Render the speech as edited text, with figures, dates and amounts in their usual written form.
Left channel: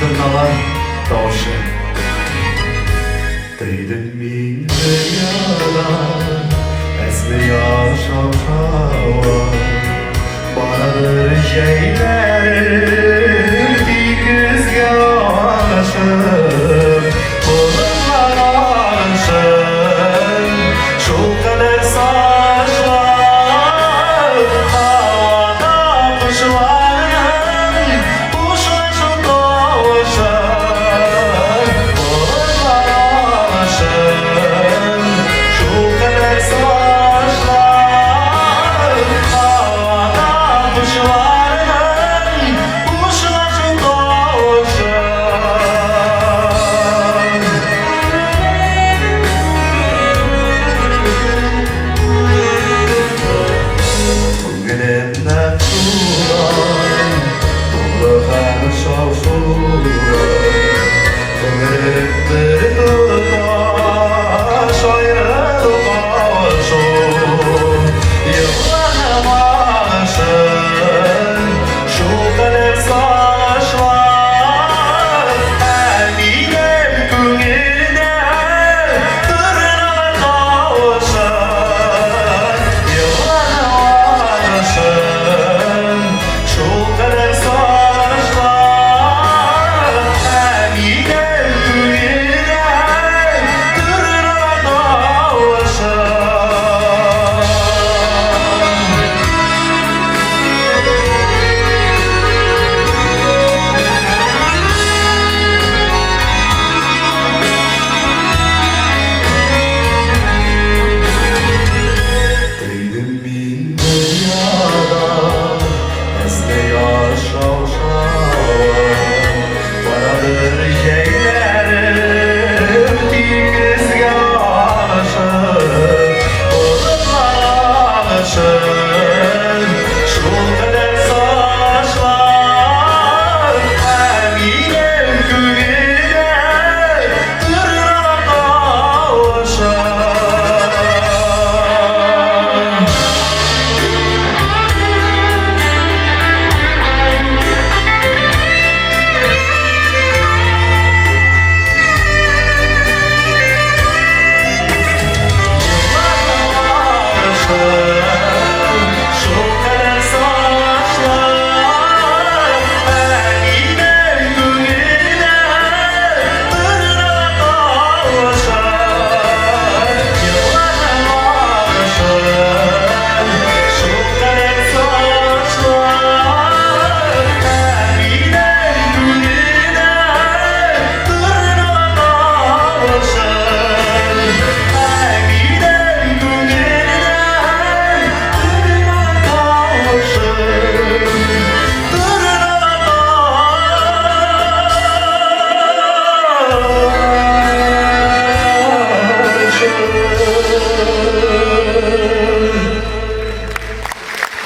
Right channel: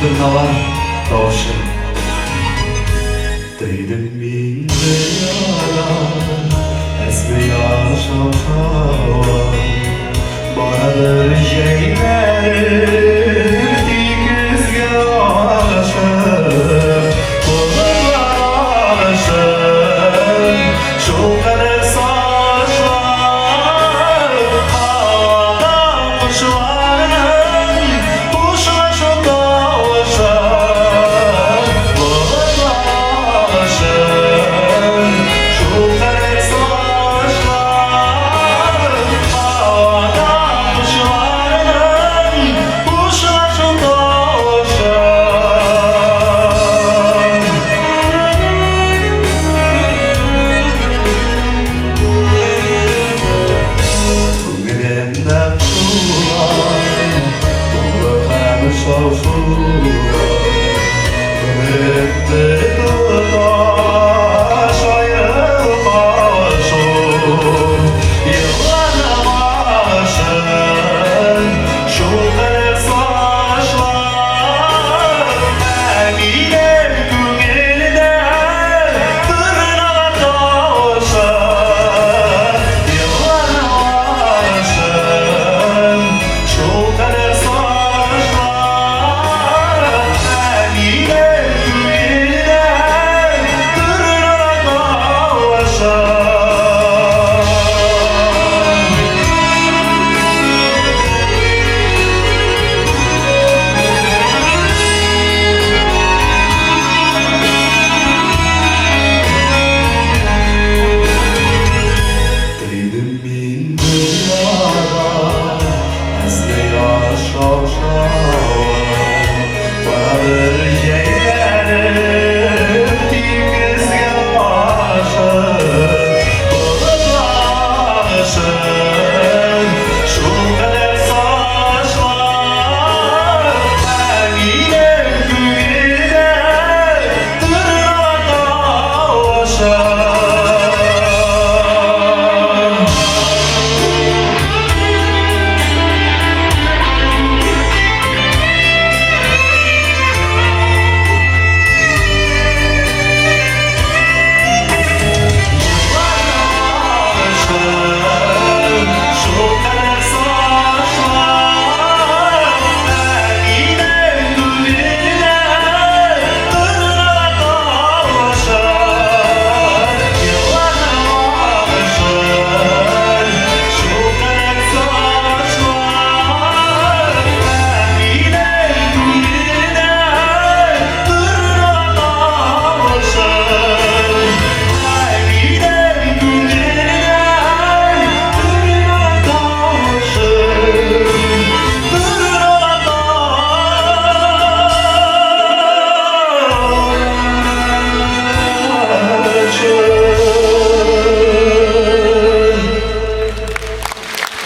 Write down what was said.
Tırnalar tavşı Değdim bir yalan Esmi yaşam hava Bahadır şeylerdi kız yaşım Kolumlar alışım Şu kadar saçlar Havada kuşların Kuşaşım doğuşum Kolumlar alışım Şu kadar saçlar Havada kuşların Kuşaşım doğuşum Bugünümden turan Doğru karşı olsun Bugünümden